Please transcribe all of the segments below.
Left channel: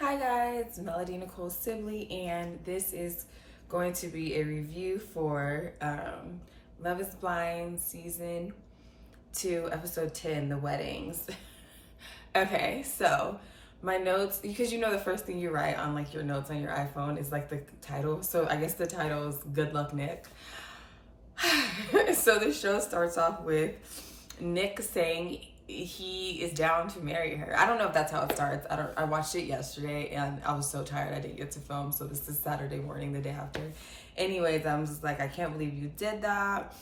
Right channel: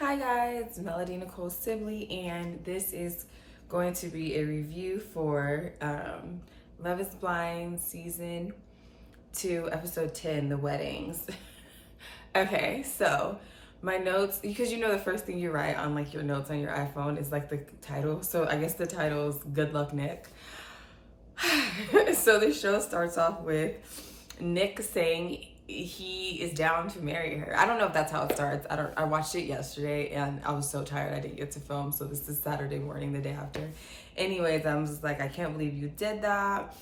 Hi guys, Melody Nicole Sibley, and this is going to be a review for Love is Blind Season 2, Episode 10, The Weddings. Okay, so my notes, because you know the first thing you write on like your notes on your iPhone is like the title. So I guess the title is Good Luck Nick. So the show starts off with Nick saying he is down to marry her. I don't know if that's how it starts. I watched it yesterday and I was so tired I didn't get to film. So this is Saturday morning, the day after. Anyways, I'm just like, I can't believe you did that.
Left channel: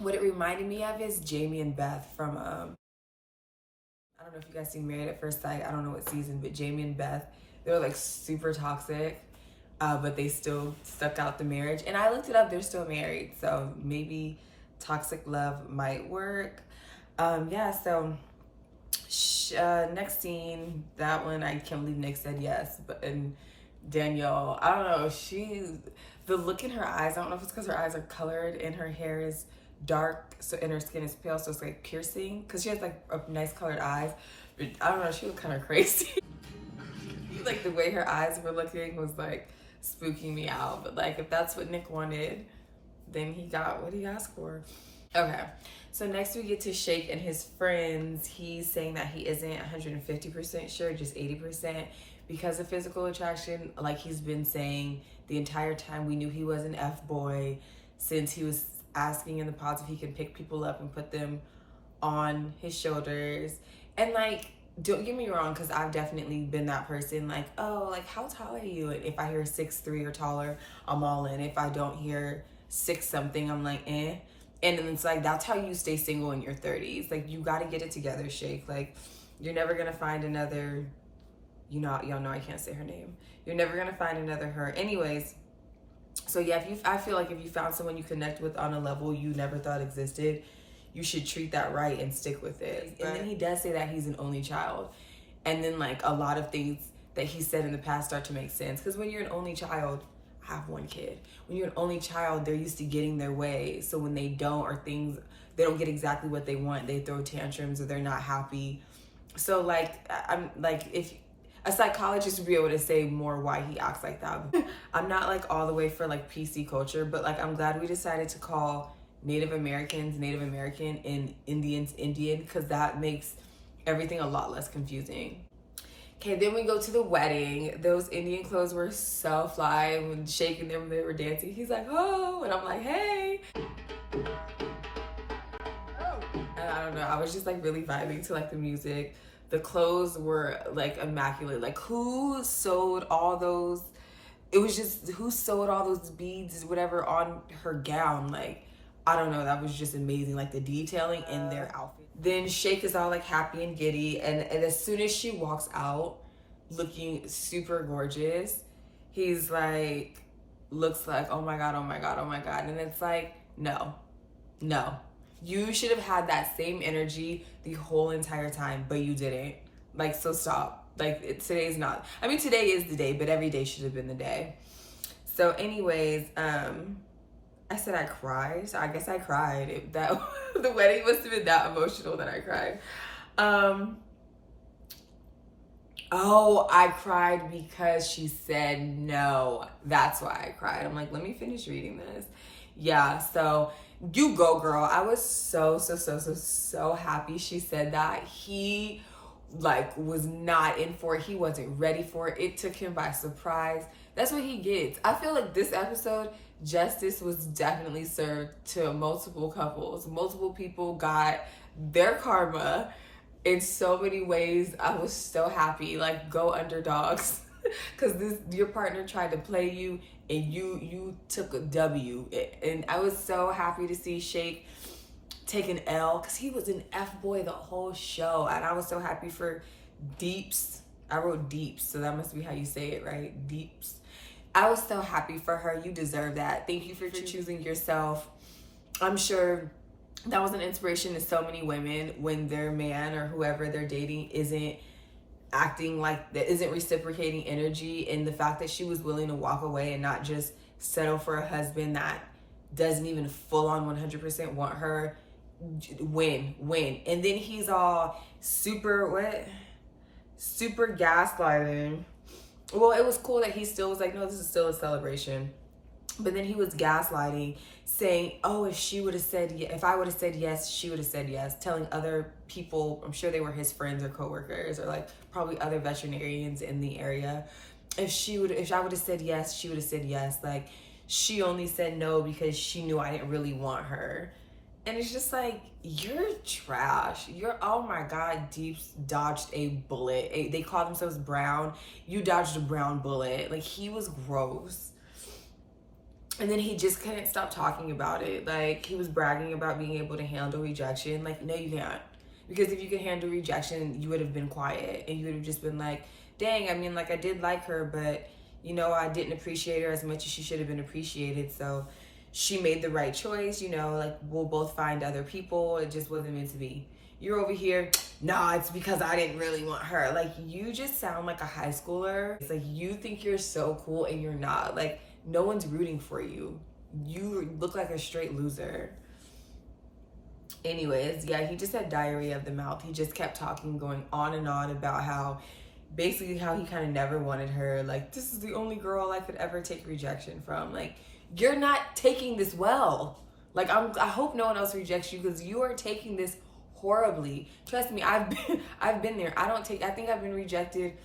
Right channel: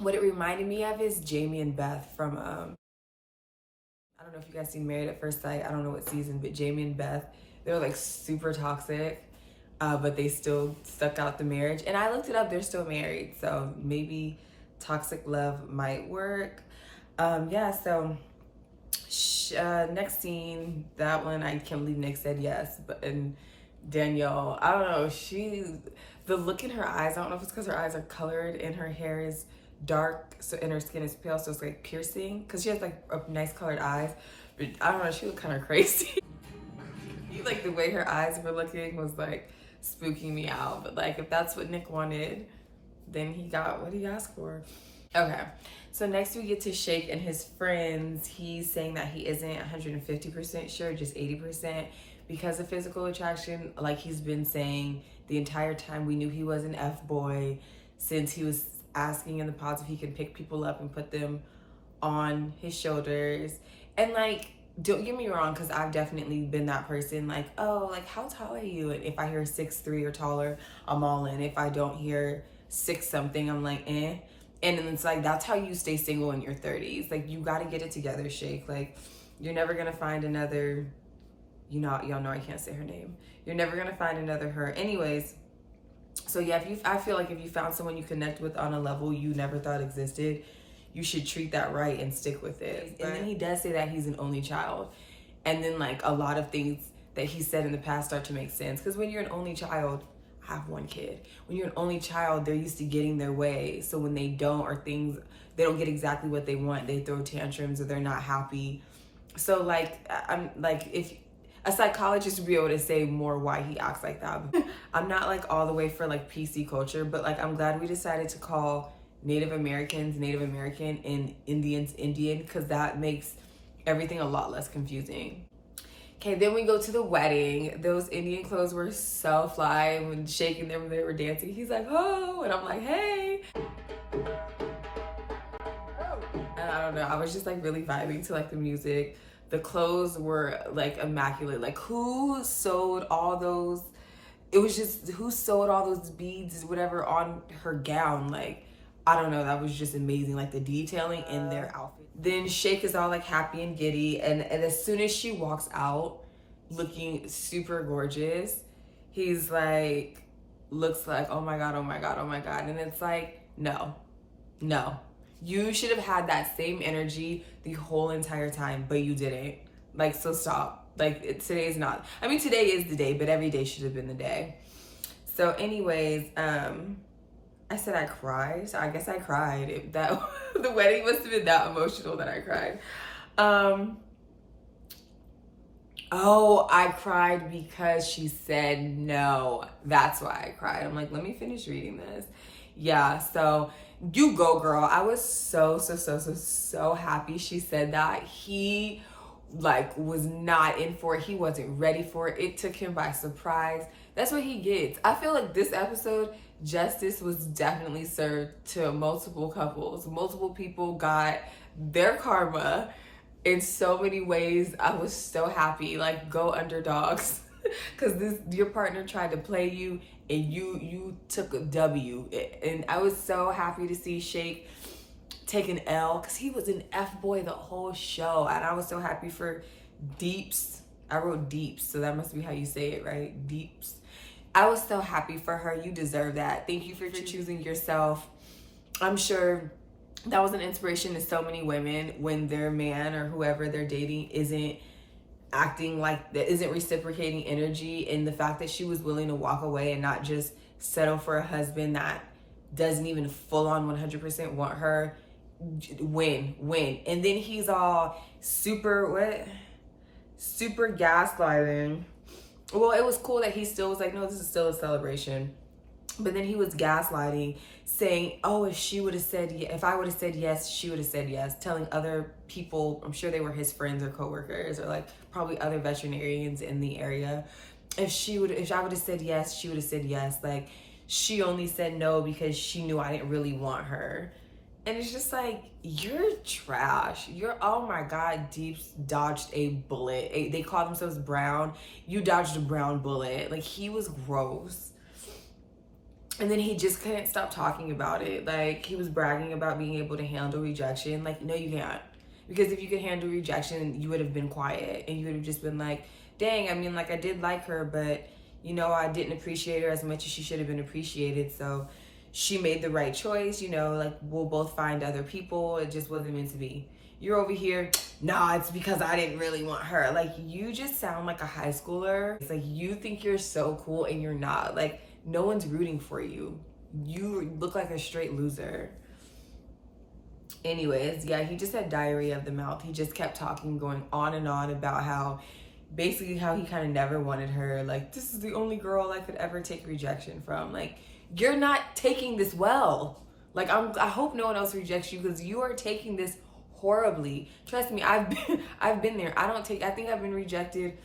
What it reminded me of is Jamie and Beth from I don't know if you guys seen Married at First Sight. I don't know what season, but Jamie and Beth, they're like super toxic. But they still stuck out the marriage. And I looked it up, they're still married. So maybe toxic love might work. Yeah, so next scene, that one, I can't believe Nick said yes. But and Danielle, I don't know, the look in her eyes, I don't know if it's because her eyes are colored and her hair is dark, so and her skin is pale, so it's like piercing. Because she has like a nice colored eyes. But I don't know, she looked kind of crazy. Like the way her eyes were looking was like spooking me out. But like if that's what Nick wanted, then he got what he asked for. Okay, so next we get to Shake and his friends. He's saying that he isn't 150% sure, just 80% because of physical attraction. Like he's been saying the entire time, we knew he was an F-boy since he was asking in the pods if he can pick people up and put them on his shoulders. And like, don't get me wrong, because I've definitely been that person, like, oh, like, how tall are you? And if I hear 6'3" or taller, I'm all in. If I don't hear 6 something, I'm like, eh. And then it's like, that's how you stay single in your 30s. Like, you got to get it together, Shake. Like, you're never going to find another, y'all know I can't say her name. You're never going to find another her. Anyways, so yeah, I feel like if you found someone you connect with on a level you never thought existed, you should treat that right and stick with it. And then he does say that he's an only child. And then like a lot of things that he said in the past start to make sense. Because when you're an only child, I have one kid. When you're an only child, they're used to getting their way. So when they don't, or things, they don't get exactly what they want, they throw tantrums or they're not happy. So like, I'm like, if a psychologist would be able to say more why he acts like that. I'm not like all the way for like PC culture, but like I'm glad we decided to call Native Americans Native American and Indians Indian, because that makes everything a lot less confusing. Okay, then we go to the wedding. Those Indian clothes were so fly. When shaking them, they were dancing. He's like, oh, and I'm like, hey. And I don't know, I was just like really vibing to like the music. The clothes were like immaculate. Like who sewed all those, it was just who sewed all those beads, whatever, on her gown. Like, I don't know, that was just amazing. Like the detailing in their outfit. Then Shake is all like happy and giddy. And as soon as she walks out looking super gorgeous, he's like, looks like, oh my God, oh my God, oh my God. And it's like, no. You should have had that same energy the whole entire time, but you didn't. Like, so stop. Like, today's not, I mean, today is the day, but every day should have been the day. So anyways, I said I cried. So I guess I cried. That the wedding must have been that emotional that I cried. Oh, I cried because she said no. That's why I cried. I'm like, let me finish reading this. Yeah, so you go, girl. I was so happy she said that. He like was not in for it. He wasn't ready for it. It took him by surprise. That's what he gets. I feel like this episode, justice was definitely served to multiple couples. Multiple people got their karma in so many ways. I was so happy. Like, go underdogs. Because your partner tried to play you and you took a W. And I was so happy to see Shake take an L, because he was an F-boy the whole show. And I was so happy for Deeps. I wrote Deeps, so that must be how you say it, right? Deeps. I was so happy for her. You deserve that. Thank you for choosing yourself. I'm sure that was an inspiration to so many women when their man or whoever they're dating isn't acting like that, isn't reciprocating energy. And the fact that she was willing to walk away and not just settle for a husband that doesn't even full on 100% want her, win. And then he's all super gaslighting Well, it was cool that he still was like, no, this is still a celebration. But then he was gaslighting, saying, oh, if she would have said, if I would have said yes, she would have said yes, telling other people, I'm sure they were his friends or coworkers or like probably other veterinarians in the area. If I would have said yes, she would have said yes. Like, she only said no because she knew I didn't really want her. And it's just like, you're trash. You're, oh my God, Deeps dodged a bullet. They call themselves brown. You dodged a brown bullet. Like, he was gross. And then he just couldn't stop talking about it. Like, he was bragging about being able to handle rejection. Like, no, you can't. Because if you could handle rejection, you would have been quiet. And you would have just been like, dang, I mean, like, I did like her, but, you know, I didn't appreciate her as much as she should have been appreciated. So she made the right choice. You know, like, we'll both find other people. It just wasn't meant to be. You're over here, nah, it's because I didn't really want her. Like, you just sound like a high schooler. It's like, you think you're so cool and you're not. Like, no one's rooting for you. You look like a straight loser. Anyways, yeah, he just had diarrhea of the mouth. He just kept talking, going on and on about how basically how he kind of never wanted her. Like, this is the only girl I could ever take rejection from. Like, you're not taking this well. Like, I hope no one else rejects you because you are taking this horribly. Trust me, I've been there. I think I've been rejected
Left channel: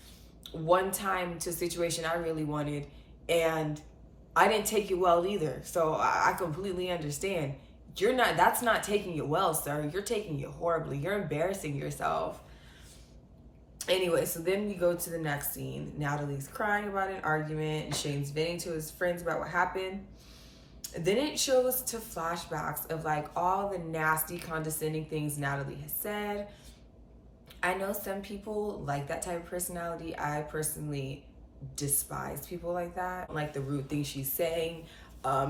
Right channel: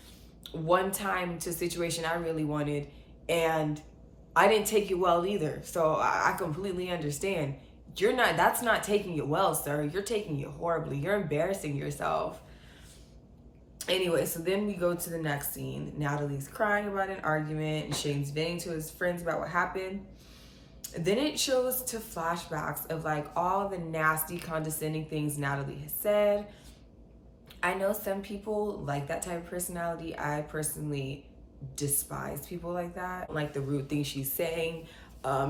one time to a situation I really wanted, and I didn't take it well either. So I completely understand. That's not taking it well, sir. You're taking it horribly. You're embarrassing yourself. Anyway, so then we go to the next scene. Natalie's crying about an argument and Shane's venting to his friends about what happened. Then it shows to flashbacks of like all the nasty, condescending things Natalie has said. I know some people like that type of personality. I personally despise people like that, like the rude things she's saying.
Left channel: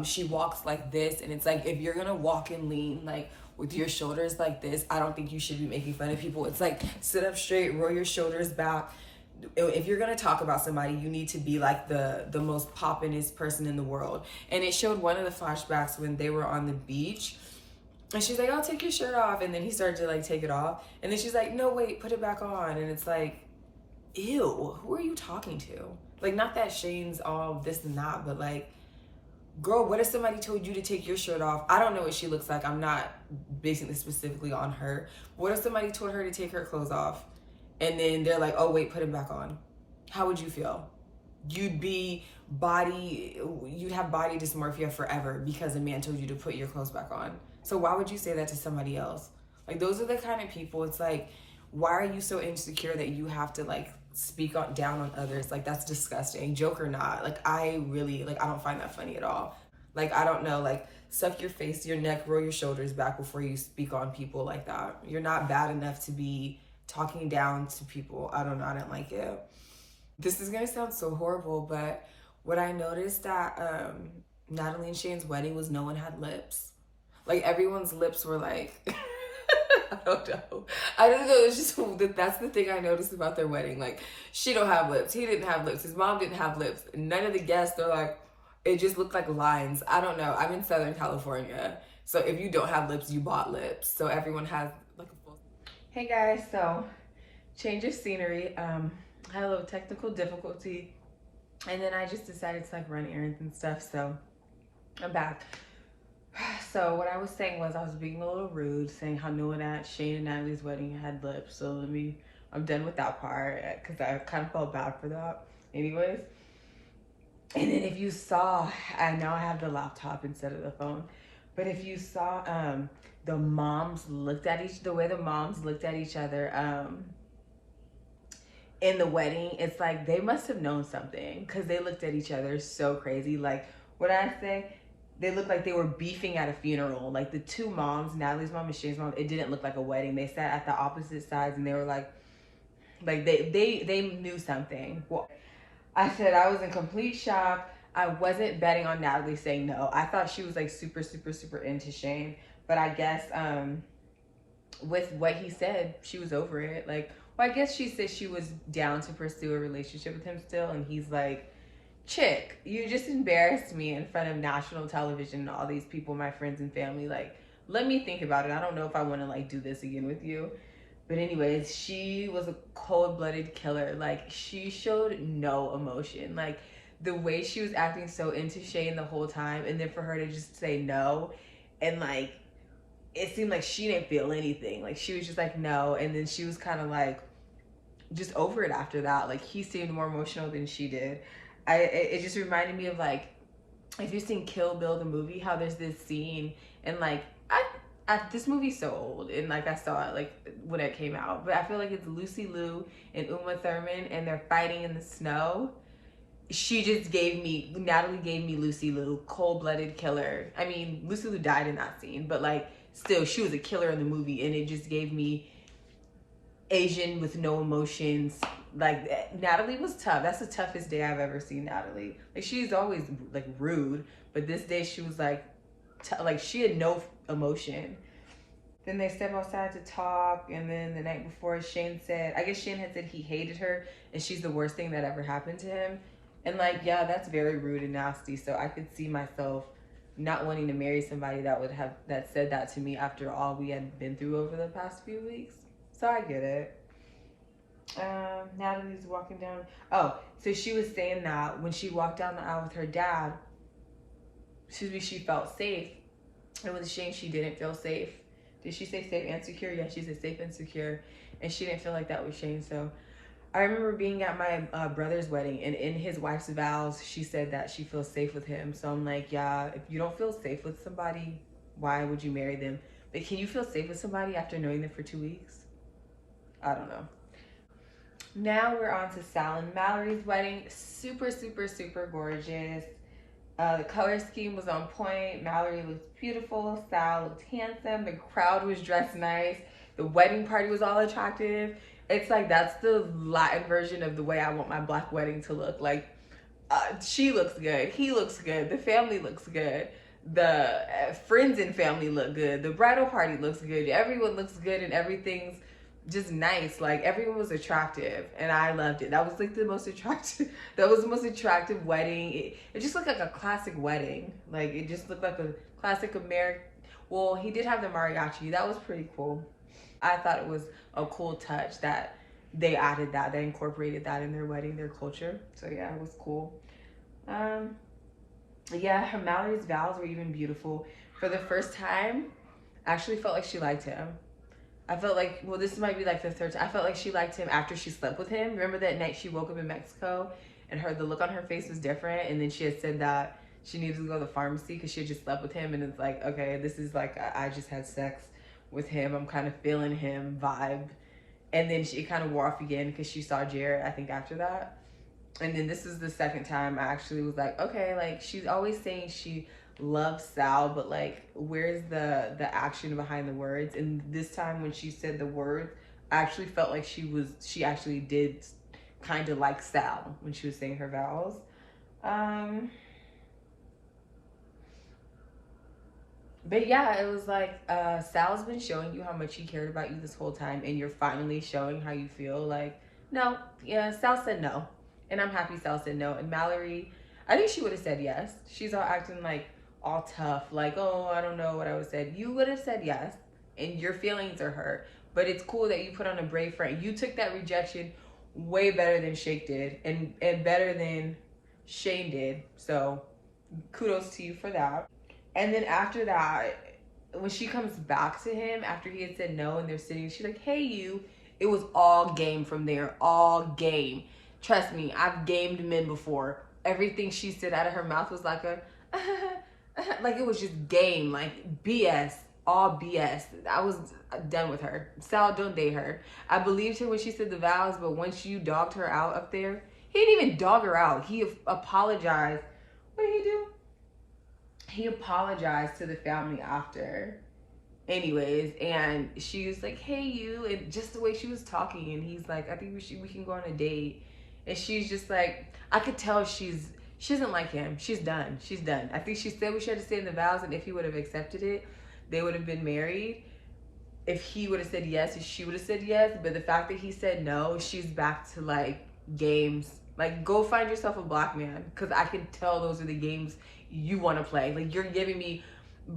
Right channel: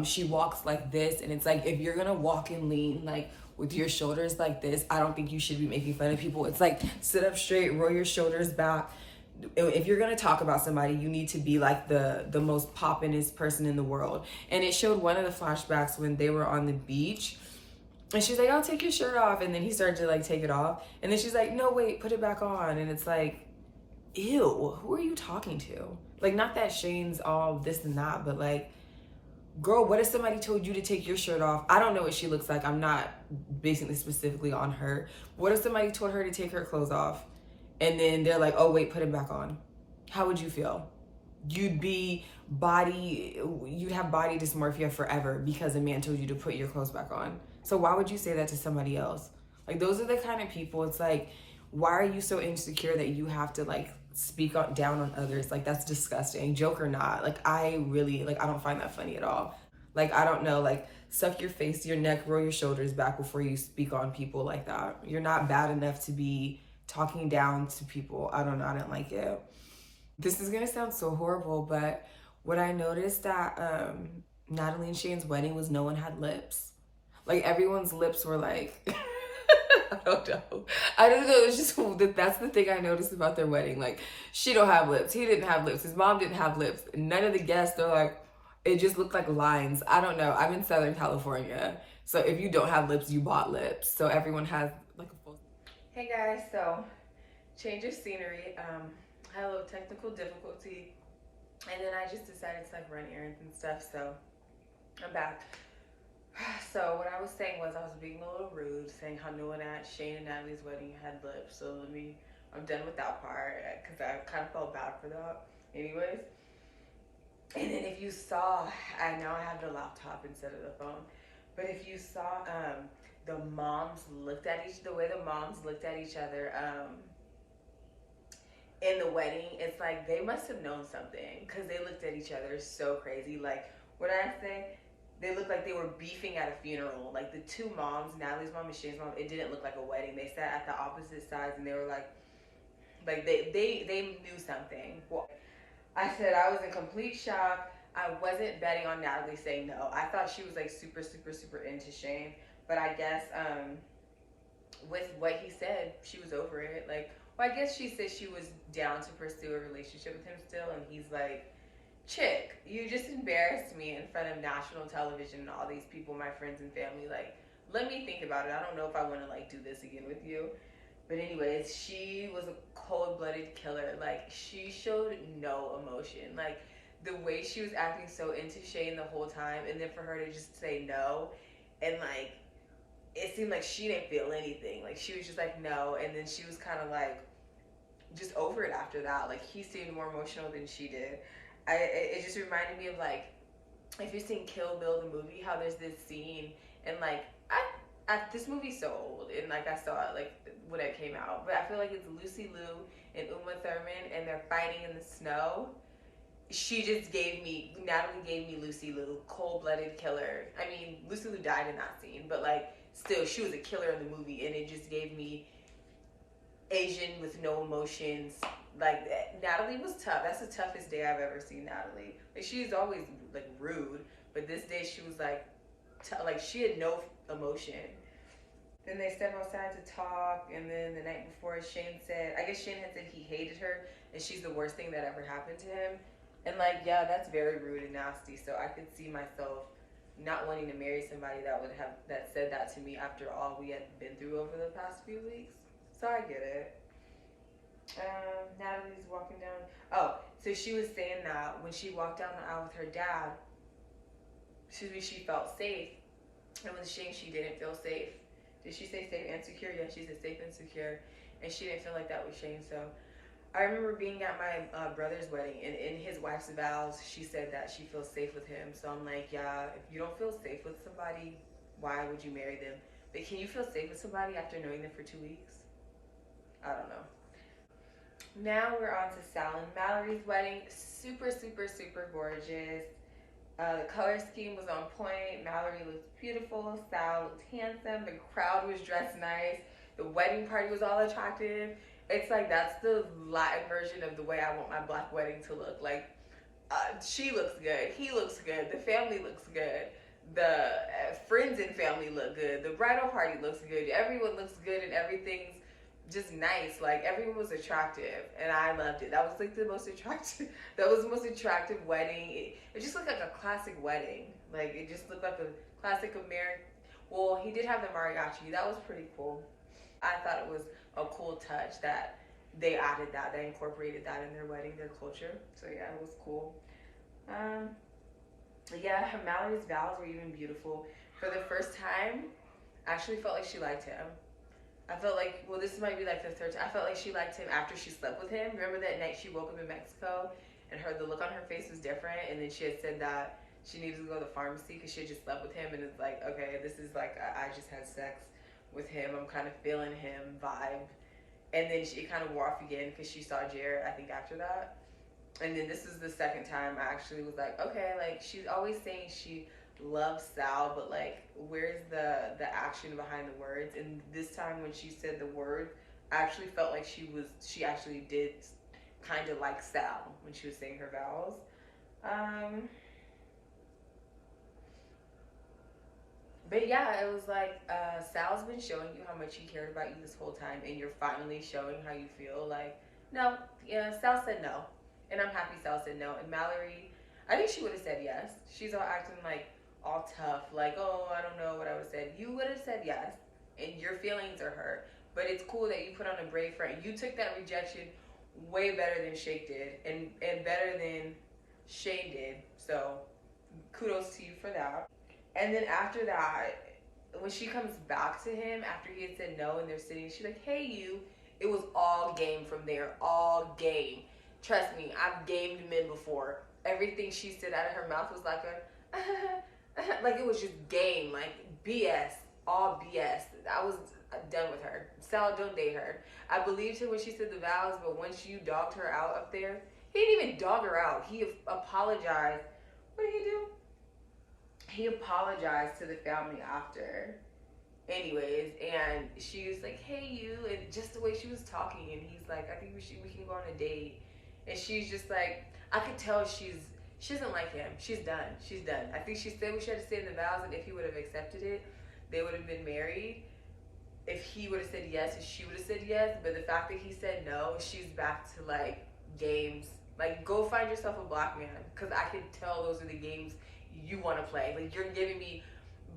She walks like this, and it's like, if you're gonna walk and lean like with your shoulders like this, I don't think you should be making fun of people. It's like, sit up straight, roll your shoulders back. If you're gonna talk about somebody, you need to be like the most poppin'est person in the world. And it showed one of the flashbacks when they were on the beach, and she's like, I'll take your shirt off, and then he started to like take it off, and then she's like, no, wait, put it back on. And it's like, ew, who are you talking to? Like, not that Shane's all this and that, but like, girl, what if somebody told you to take your shirt off? I don't know what she looks like. I'm not basing this specifically on her. What if somebody told her to take her clothes off and then they're like, oh wait, put it back on? How would you feel? You'd have body dysmorphia forever because a man told you to put your clothes back on. So why would you say that to somebody else? Like, those are the kind of people, it's like, why are you so insecure that you have to like speak down on others? Like, that's disgusting, joke or not. Like, I don't find that funny at all. Like, I don't know, like, suck your face to your neck, roll your shoulders back before you speak on people like that. You're not bad enough to be talking down to people. I don't know, I didn't like it. This is gonna sound so horrible, but what I noticed at Natalie and Shane's wedding was no one had lips. Like, everyone's lips were like I don't know. It's just, that's the thing I noticed about their wedding. Like, she don't have lips. He didn't have lips. His mom didn't have lips. None of the guests, they're like, it just looked like lines. I don't know. I'm in Southern California. So if you don't have lips, you bought lips. So everyone has like a full. Hey guys, so change of scenery. Had a little technical difficulty. And then I just decided to like run errands and stuff. So I'm back. So what I was saying was, I was being a little rude, saying how no one at Shane and Natalie's wedding had lips. So I'm done with that part because I kind of felt bad for that. Anyways, and then if you saw, I have the laptop instead of the phone, but if you saw the way the moms looked at each other in the wedding, it's like they must have known something because they looked at each other so crazy. Like, what I say? They looked like they were beefing at a funeral. Like, the two moms, Natalie's mom and Shane's mom, it didn't look like a wedding. They sat at the opposite sides and they were like they knew something. Well, I said I was in complete shock. I wasn't betting on Natalie saying no. I thought she was like super, super, super into Shane. But I guess with what he said, she was over it. Like, well, I guess she said she was down to pursue a relationship with him still. And he's like, chick, you just embarrassed me in front of national television and all these people, my friends and family. Like, let me think about it. I don't know if I want to like do this again with you. But anyways, she was a cold-blooded killer. Like, she showed no emotion. Like, the way she was acting so into Shane the whole time, and then for her to just say no, and like, it seemed like she didn't feel anything. Like, she was just like no, and then she was kind of like just over it after that. Like, he seemed more emotional than she did. It just reminded me of, like, if you've seen Kill Bill the movie, how there's this scene, and like this movie's so old, and like I saw it like when it came out, but I feel like it's Lucy Liu and Uma Thurman, and they're fighting in the snow. She just gave me, Natalie gave me Lucy Liu, cold-blooded killer. I mean, Lucy Liu died in that scene, but like still, she was a killer in the movie, and it just gave me Asian with no emotions. Like, Natalie was tough. That's the toughest day I've ever seen Natalie. Like, she's always like rude, but this day she was like like she had no emotion. Then they step outside to talk, and then the night before, Shane said, I guess Shane had said he hated her and she's the worst thing that ever happened to him. And like, yeah, that's very rude and nasty. So I could see myself not wanting to marry somebody that would have that said that to me after all we had been through over the past few weeks. So I get it. Natalie's walking down. Oh, so she was saying that when she walked down the aisle with her dad, she felt safe. And with Shane, she didn't feel safe. Did she say safe and secure? Yeah, she said safe and secure. And she didn't feel like that with Shane. So I remember being at my brother's wedding, and in his wife's vows, she said that she feels safe with him. So I'm like, yeah, if you don't feel safe with somebody, why would you marry them? But can you feel safe with somebody after knowing them for 2 weeks? I don't know. Now we're on to Sal and Mallory's wedding. Super, super, super gorgeous. The color scheme was on point. Mallory looked beautiful. Sal looked handsome. The crowd was dressed nice. The wedding party was all attractive. It's like, that's the Latin version of the way I want my black wedding to look. Like, she looks good. He looks good. The family looks good. The friends and family look good. The bridal party looks good. Everyone looks good, and everything's just nice. Like, everyone was attractive, and I loved it. That was like the most attractive wedding. It just looked like a classic wedding. Like, it just looked like a classic American. Well, he did have the mariachi. That was pretty cool. I thought it was a cool touch that they added that, they incorporated that in their wedding, their culture. So yeah, it was cool. Yeah, Mallory's vows were even beautiful. For the first time, I actually felt like she liked him. I felt like, well, this might be like the third time. I felt like she liked him after she slept with him. Remember that night she woke up in Mexico and the look on her face was different, and then she had said that she needed to go to the pharmacy because she had just slept with him, and it's like, okay, this is like, I just had sex with him. I'm kind of feeling him vibe. And then she kind of wore off again because she saw Jared, I think, after that. And then this is the second time I actually was like, okay, like, she's always saying she loves Sal, but like, where's the action behind the words? And this time when she said the words, I actually felt like she actually did kind of like Sal when she was saying her vows. But yeah, it was like, Sal's been showing you how much he cared about you this whole time, and you're finally showing how you feel. Like, no, yeah, Sal said no. And I'm happy Sal said no. And Mallory, I think she would have said yes. She's all acting like all tough, like, oh, I don't know what I would have said. You would have said yes, and your feelings are hurt. But it's cool that you put on a brave front. You took that rejection way better than Shake did, and better than Shane did. So kudos to you for that. And then after that, when she comes back to him after he had said no and they're sitting, she's like, hey, you. It was all game from there. All game. Trust me, I've gamed men before. Everything she said out of her mouth was like a, like, it was just game. Like, BS. All BS. I was done with her. Sal, don't date her. I believed her when she said the vows, but once you dogged her out up there, he didn't even dog her out. He apologized. What did he do? He apologized to the family after. Anyways, and she was like, hey, you, and just the way she was talking, and he's like, I think we can go on a date. And she's just like, I could tell she doesn't like him. She's done. She's done. I think she said what she had to say in the vows, and if he would have accepted it, they would have been married. If he would have said yes, if she would have said yes, but the fact that he said no, she's back to like games. Like, go find yourself a black man, because I can tell those are the games you want to play. Like, you're giving me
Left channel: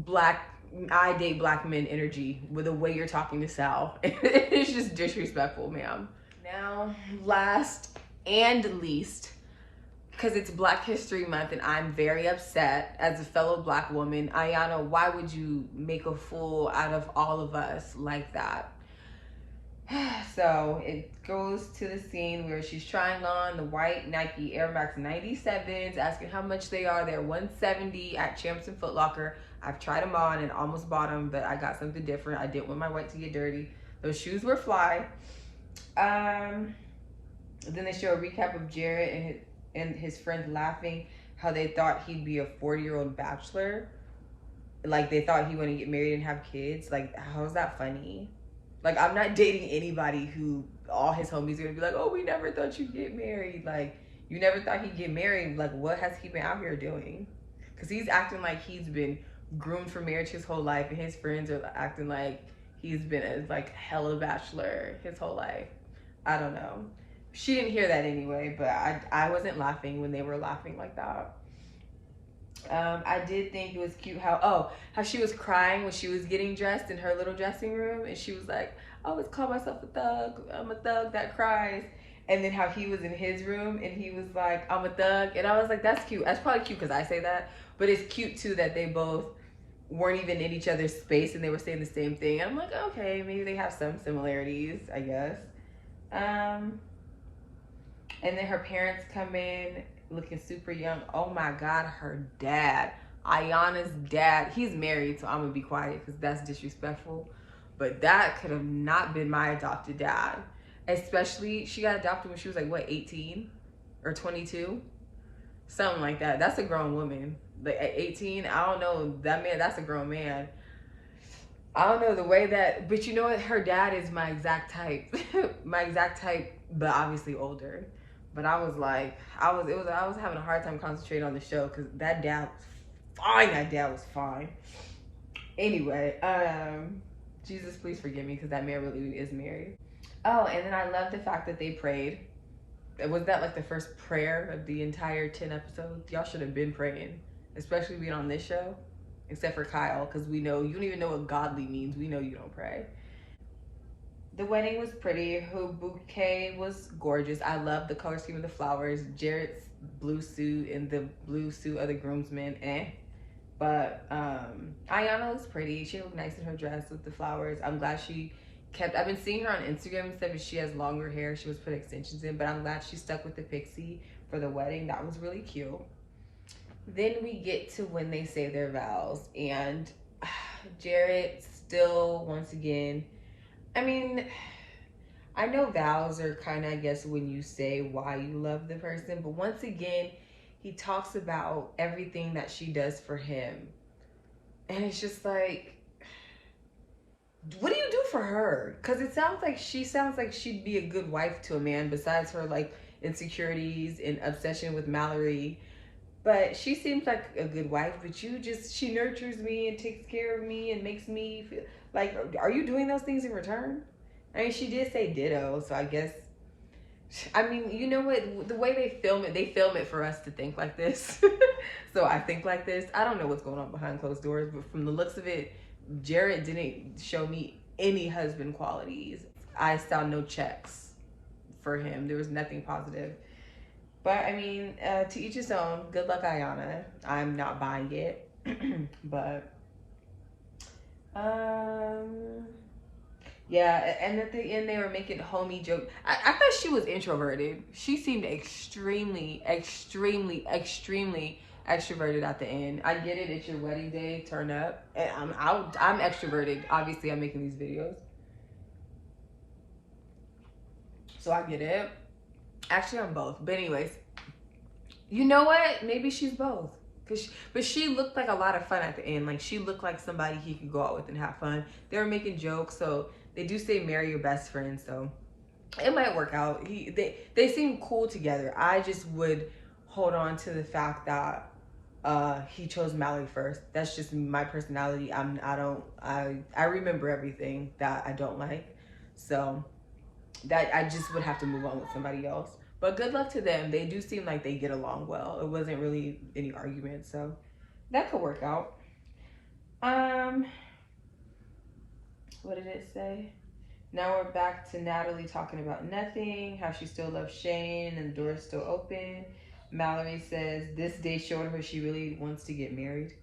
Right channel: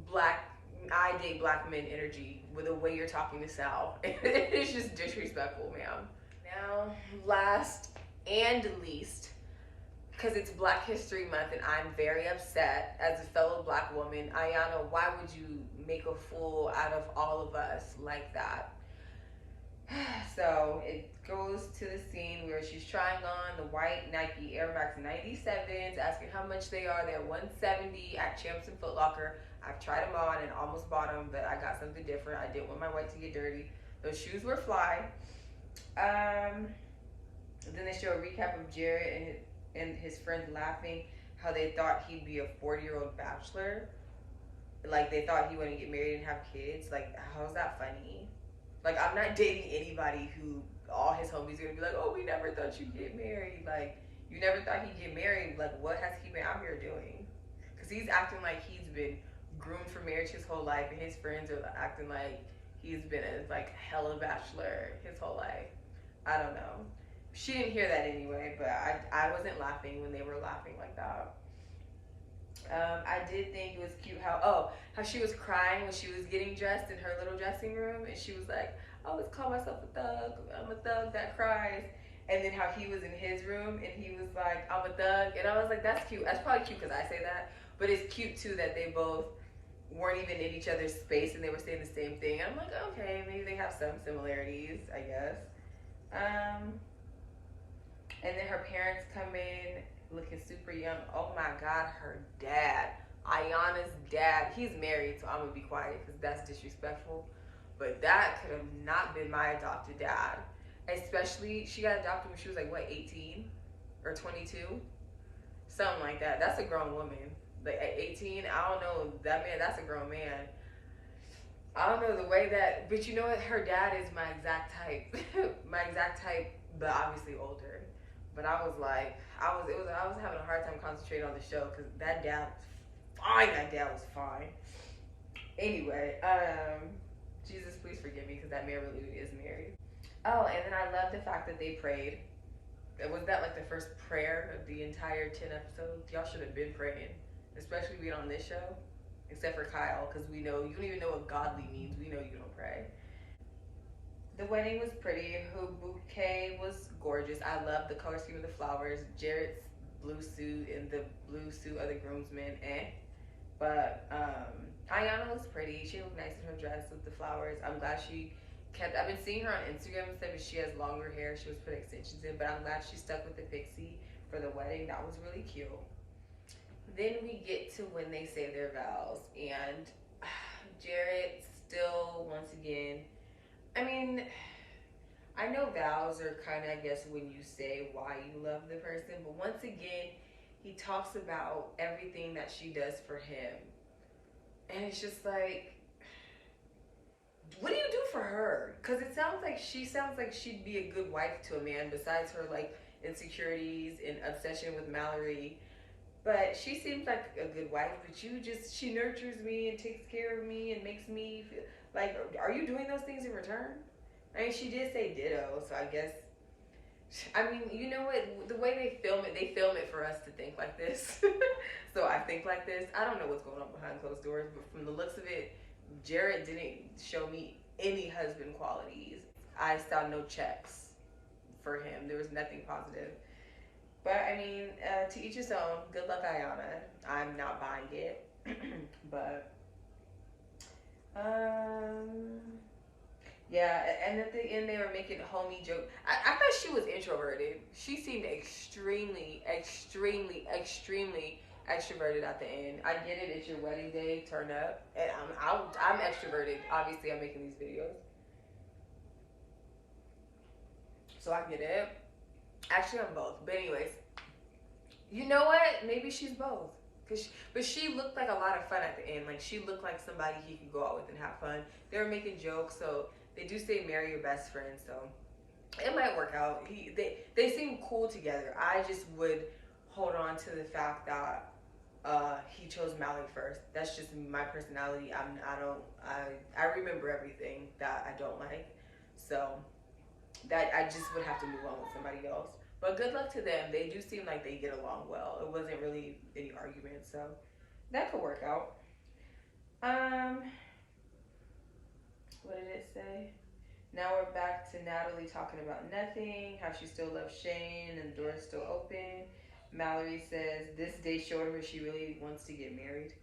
black I date black men energy with the way you're talking to Sal. It's just disrespectful, ma'am. Now, last and least, because it's Black History Month and I'm very upset as a fellow black woman. Ayana, why would you make a fool out of all of us like that? So it goes to the scene where she's trying on the white Nike Air Max 97s, asking how much they are. They're $170 at Champs and Foot Locker. I've tried them on and almost bought them, but I got something different. I didn't want my white to get dirty. Those shoes were fly. Then they show a recap of Jared and his friends laughing how they thought he'd be a 40-year-old bachelor. Like they thought he wouldn't get married and have kids. Like, how is that funny? Like, I'm not dating anybody who all his homies are gonna be like, oh, we never thought you'd get married. Like, you never thought he'd get married. Like, what has he been out here doing? Because he's acting like he's been groomed for marriage his whole life, and his friends are acting like he's been a like hella bachelor his whole life. I don't know. She didn't hear that anyway, but I wasn't laughing when they were laughing like that. I did think it was cute how she was crying when she was getting dressed in her little dressing room, and she was like, I always call myself a thug. I'm a thug that cries. And then how he was in his room and he was like, I'm a thug. And I was like, that's cute. That's probably cute because I say that, but it's cute too that they both weren't even in each other's space and they were saying the same thing. And I'm like, okay, maybe they have some similarities, I guess. And then her parents come in looking super young. Oh my God, her dad, Ayana's dad, he's married, so I'm gonna be quiet because that's disrespectful. But that could have not been my adopted dad. Especially, she got adopted when she was like, what, 18 or 22? Something like that. That's a grown woman. Like at 18, I don't know, that man, that's a grown man. I don't know the way that, but you know what? Her dad is my exact type. My exact type, but obviously older. But I was like, I was having a hard time concentrating on the show because that dad was fine. That dad was fine. Anyway, Jesus, please forgive me because that man really is married. Oh, and then I love the fact that they prayed. Was that like the first prayer of the entire 10 episodes? Y'all should have been praying, especially being on this show, except for Kyle, because we know you don't even know what godly means. We know you don't pray. The wedding was pretty. Her bouquet was gorgeous. I love the color scheme of the flowers. Jared's blue suit and the blue suit of the groomsmen, But Ayana looks pretty. She looked nice in her dress with the flowers. I'm glad she kept, I've been seeing her on Instagram and stuff, and she has longer hair. She was put extensions in, but I'm glad she stuck with the pixie for the wedding. That was really cute. Then we get to when they say their vows, and Jared still, once again, I mean, I know vows are kind of, I guess, when you say why you love the person, but once again, he talks about everything that she does for him. And it's just like, what do you do for her? Because it sounds like she'd be a good wife to a man besides her like insecurities and obsession with Mallory. But she seems like a good wife, but she nurtures me and takes care of me and makes me feel like, are you doing those things in return? I mean, she did say ditto, so I guess, I mean, you know what, the way they film it for us to think like this. So I think like this. I don't know what's going on behind closed doors, but from the looks of it, Jared didn't show me any husband qualities. I saw no checks for him. There was nothing positive. But I mean, to each his own. Good luck, Ayana. I'm not buying it. But yeah, and at the end they were making homie joke. I thought she was introverted. She seemed extremely extroverted at the end. I get it, it's your wedding day, turn up. And I'm extroverted. Obviously, I'm making these videos, so I get it. Actually, I'm both. But anyways, you know what? Maybe she's both. But she looked like a lot of fun at the end. Like, she looked like somebody he could go out with and have fun. They were making jokes, so they do say marry your best friend, so it might work out. They seem cool together. I just would hold on to the fact that he chose Mallory first. That's just my personality. I remember everything that I don't like, so that I just would have to move on with somebody else. But good luck to them. They do seem like they get along well. It wasn't really any argument, so that could work out. What did it say? Now we're back to Natalie talking about nothing, how she still loves Shane and the door is still open. Mallory says this day showed her she really wants to get married.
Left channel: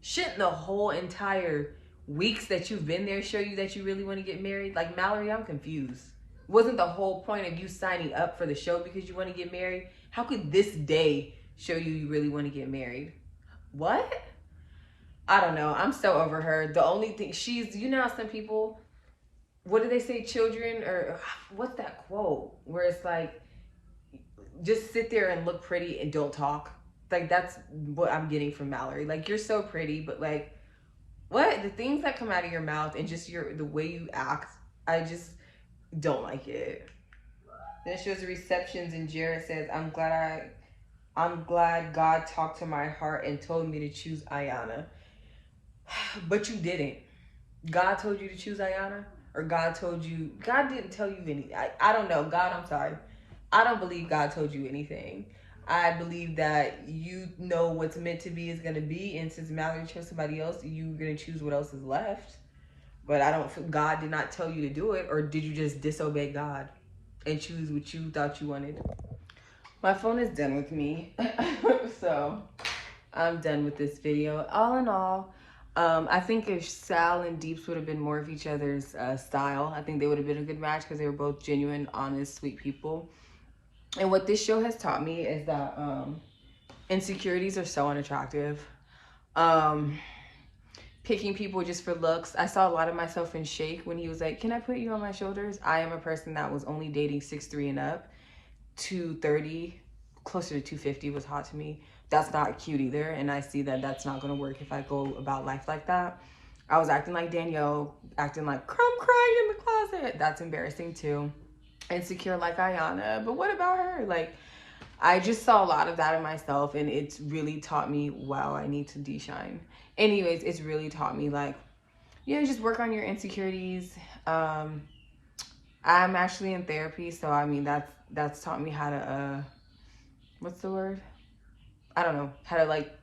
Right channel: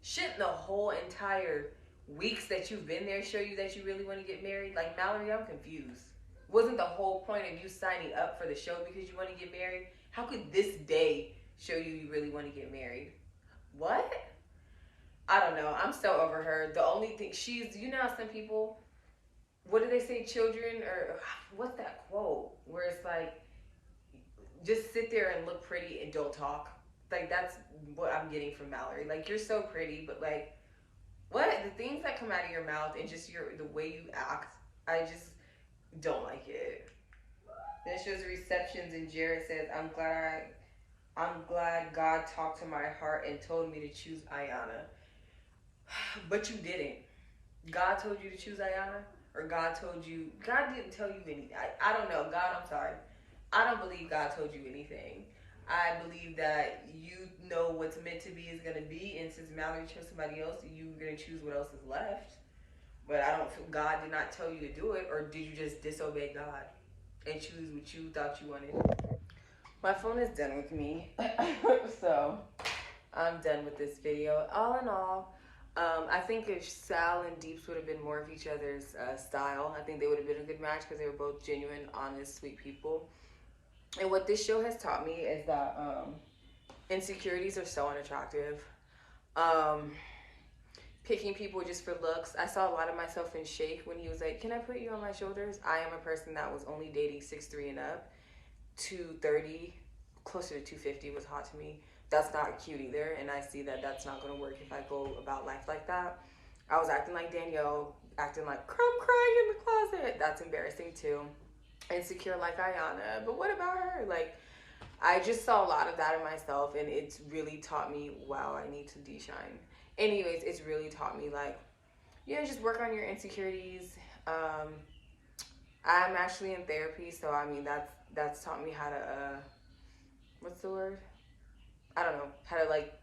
Shouldn't the whole entire weeks that you've been there show you that you really want to get married? Like, Mallory, I'm confused. Wasn't the whole point of you signing up for the show because you want to get married? How could this day show you really want to get married? What? I don't know. I'm so over her. The only thing she's, you know how some people, what do they say, children, or what's that quote where it's like, just sit there and look pretty and don't talk. Like, that's what I'm getting from Mallory. Like, you're so pretty, but like, what? The things that come out of your mouth and just the way you act, I just don't like it. Then it shows the receptions and Jared says, I'm glad God talked to my heart and told me to choose Ayana. But you didn't. God told you to choose Ayana? Or God didn't tell you anything. I don't know. God, I'm sorry. I don't believe God told you anything. I believe that you know what's meant to be is going to be. And since Mallory chose somebody else, you're going to choose what else is left. But God did not tell you to do it. Or did you just disobey God and choose what you thought you wanted? My phone is done with me. So I'm done with this video. All in all, I think if Sal and Deeps would have been more of each other's style, I think they would have been a good match because they were both genuine, honest, sweet people. And what this show has taught me is that insecurities are so unattractive. Picking people just for looks. I saw a lot of myself in Shake when he was like, can I put you on my shoulders? I am a person that was only dating 6'3" and up. 230, closer to 250 was hot to me. That's not cute either, and I see that that's not going to work if I go about life like that. I was acting like Danielle, acting like crumb crying in the closet. That's embarrassing too. Insecure like Ayana, but what about her? Like, I just saw a lot of that in myself, and it's really taught me, wow, I need to de-shine. Anyways, it's really taught me, like, you know, just work on your insecurities. I'm actually in therapy, so I mean, that's taught me how to, what's the word? I don't know, how to like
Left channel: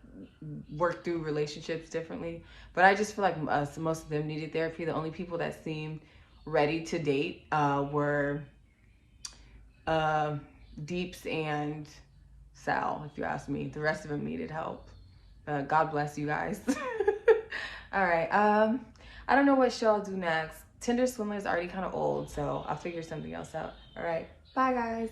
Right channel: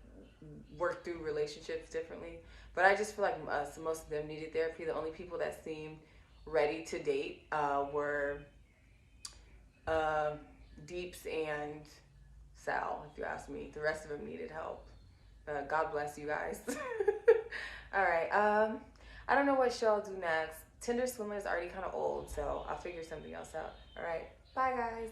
work through relationships differently. But I just feel like most of them needed therapy. The only people that seemed ready to date were Deeps and Sal, if you ask me. The rest of them needed help. God bless you guys. All right. I don't know what show I'll do next. Tinder Swindler is already kind of old, so I'll figure something else out. All right. Bye, guys.